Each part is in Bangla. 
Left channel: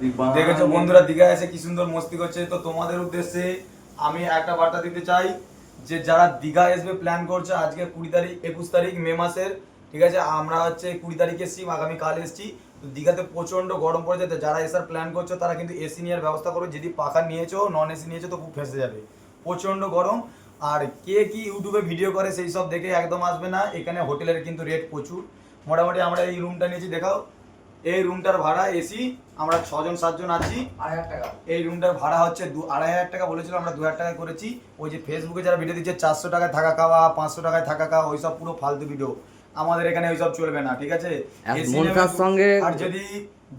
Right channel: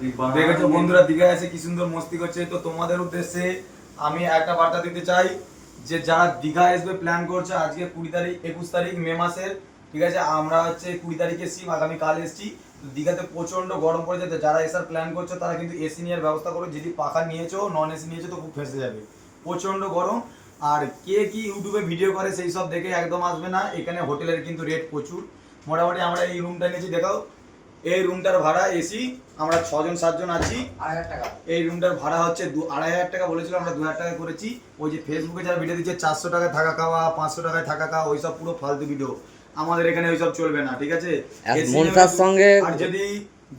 দেখেছো বন্ধুরা দীঘায় এসে কি সুন্দর মস্তি করছে। তো তোমাদের উদ্দেশ্যে আমি একটা বার্তা দিতে চাই যে যারা দীঘা আসবে প্ল্যান করছে, আজকে 20 তারিখ 21 তারিখ মে মাসের, ঠিক আছে, আমরা হচ্ছে 20 তারিখে এসছি, আগামী কাল এসছি। তো দীঘাতে প্রচন্ড গরম পড়েছে, তো যারা এসার প্ল্যান করছো তারা কিন্তু এসি নেওয়ার ব্যবস্থা করো। যদি পাখা নিয়েছো, নন এসি নিয়েছো তো খুব ফেঁসে যাবে, প্রচন্ড গরম। আর কে কি ইউটিউবে ভিডিও করে সেই সব দেখে একদম আসবে না, এখানে হোটেলের কিন্তু রেট প্রচুর। মোটামুটি আমরা এই রুমটা নিয়েছি, দেখাও। এই রুমটার ভাড়া এসি, আমরা 6জন 7জন আছি, 2,500 টাকা। এই রুমটার ভাড়া হচ্ছে 2,500 টাকা বলেছিল, আমরা 2,000 টাকা করেছি। ওই যে ফেসবুকে যারা ভিডিও দিচ্ছে 400 টাকায় থাকা খাওয়া, 500 টাকায় থাকা খাওয়া, ওইসব পুরো ফালতু ভিডিও। আমাদের এখানে ওইসব চলবে না, ঠিক আছে। মনসার সঙ্গে আর যদি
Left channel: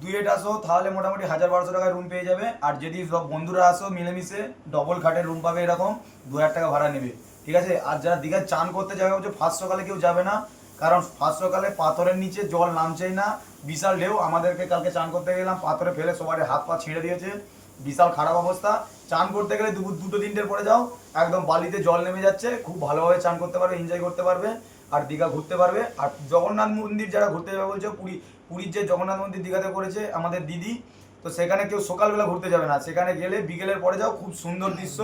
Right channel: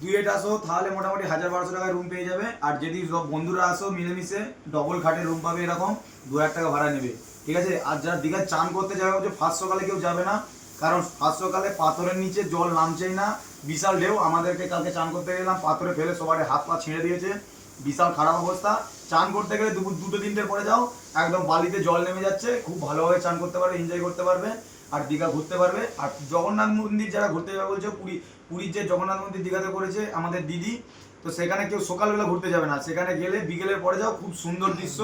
ডুয়েট আসো তাহলে মোটামুটি 1,000-1,200 টাকায় রুম পেয়ে যাবে। আর যদি সব বন্ধুরা আসো মিলেমিশে ডবল খাটের রুম পাবে, এরকম 2,000 টাকা ভাড়া নেবে, ঠিক আছে। আর যারা দীঘায় চান করতে যাবে হচ্ছে ফার্স্ট সকালে কেউ যাবে না, কারণ ফার্স্ট সকালে পাথরের নিচে জল নামছেই না, বিশাল ঢেউ। আমাদেরকে কালকে চান করতে গেলাম, পাথরে ফেলে সবার হাত পা ছিঁড়ে দিয়েছে, বিশাল খারাপ অবস্থা। চান করতে গেলে দুপুর 2-3টের পরে যাও, একদম বালিতে জল নেমে যাচ্ছে, খুব ভালোভাবে চান করতে পারবে, এনজয় করতে পারবে, আর দীঘা ঘুরতে পারবে। আর জগন্নাথ মন্দির যারা ঘুরতে যাবে বলছে, পুরীর যে জগন্নাথ মন্দির দীঘাতে করেছে আমাদের দিদি, তো সেখানে কেউ সকালবেলা ঘুরতে যাবে না, সেখানে গেলে বিকেলের পরে যাও, খুব সুন্দর দৃশ্য,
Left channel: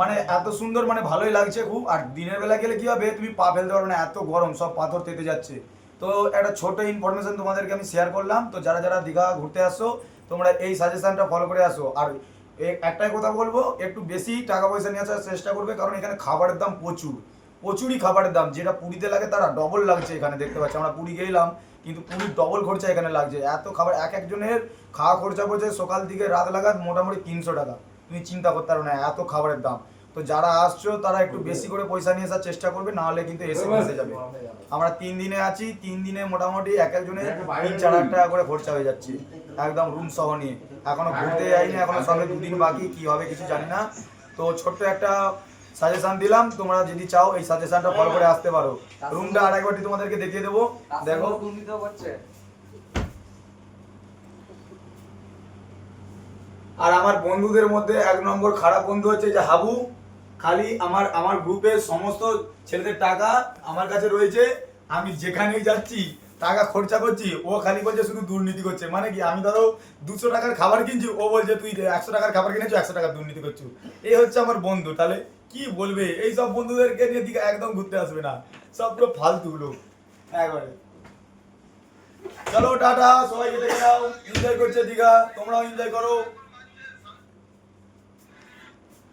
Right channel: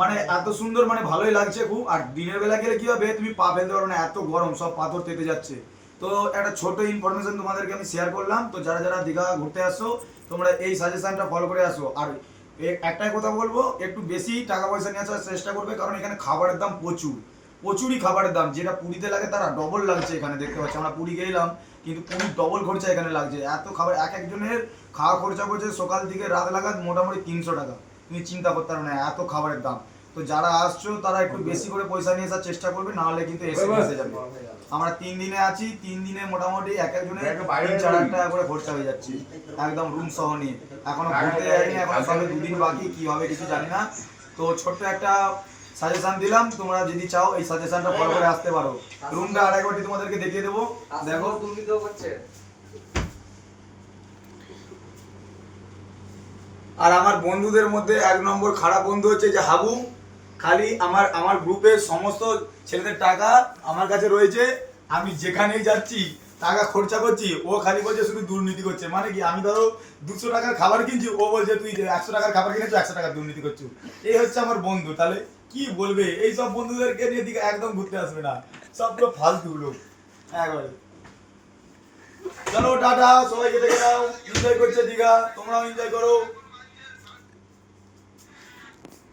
মানে এত সুন্দর, মানে ভালোই লাগছে খুব। আর দিনের বেলা গেলে কি হবে, তুমি পা ফেলতে পারবে না, এত গরম, সব পাথর তেতে যাচ্ছে। তো একটা ছোট ইনফরমেশন তোমাদেরকে আমি শেয়ার করলাম। তো যারা যারা দীঘা ঘুরতে আসো, তোমরা এই সাজেশনটা ফলো করে আসো। আর একটাই কথা বলবো, একটু বেশি টাকা পয়সা নিয়ে আসার চেষ্টা করবে, কারণ এখানে খাবারের দাম প্রচুরই খাবারের দাম, যেটা পুরীতে লাগে তারা ডবল লাগছে এখানে, দেখতে পাচ্ছি। আমরা পুরী গেলাম, কিন্তু পুরীর ডবল খরচা এখানে লাগছে। এত খাবার, একজনের খাওয়া খরচা পড়ছে সকাল থেকে রাত লাগাত মোটামুটি 300 টাকা। তুমি চিন্তা করতে পারো না এত খাবারের দাম। তো যারা আসছো তারা একটু বেশি করে পয়সা নিয়ে আসার চেষ্টা করবে, না হলে কিন্তু এসে যাবে। আমরা 3 দিনে আছি, 3 দিনে মোটামুটি একজনের 3-4 টাকা করে খরচা হয়ে যাচ্ছে, একদম রুম সহ নিয়ে। এখনো ঘুরতে যাইনি, এখনো সবে 2 দিন বাকি, কি হবে কিছু জানি না। তো ছোট্ট একটা সাজেশন দিলাম, তোমরা যদি চাও এই সাজেশনটা ফলো করে আসতে পারো। রুমটা আরেকবারটি তোমাদেরকে দেখিয়ে দেবো, দেখো। আর আমার বন্ধুদের মধ্যে 1 নম্বর খারাপ বন্ধু হচ্ছে যে হাবু। খালি আমার গ্রুপের সমস্ত ছেলেদের টাকা আমার কাছে রয়েছে, আমি যেখানেই যাচ্ছি টাকা খরচা করছি, ও খালি বলছে শুধু দুর্নীতি করছে। মানে কি, আমি ধরো 200 টাকার খাবার কিনছি, ও বলছে তুই 100 টাকার খাবার কিনেছো, 100 টাকা দুর্নীতি করছো। এই হচ্ছে আমার বন্ধু। তাহলে কি বলবে, এই সব বন্ধুদেরকে নিয়ে দিকে একদম ঘুরতে আসবে না, সব পুরো ফালতু লোক একবারে। চলো টাটা, সবাই কেটে গেলাম, এনজয় করছে দীঘা, তোমরাও এনজয় করো।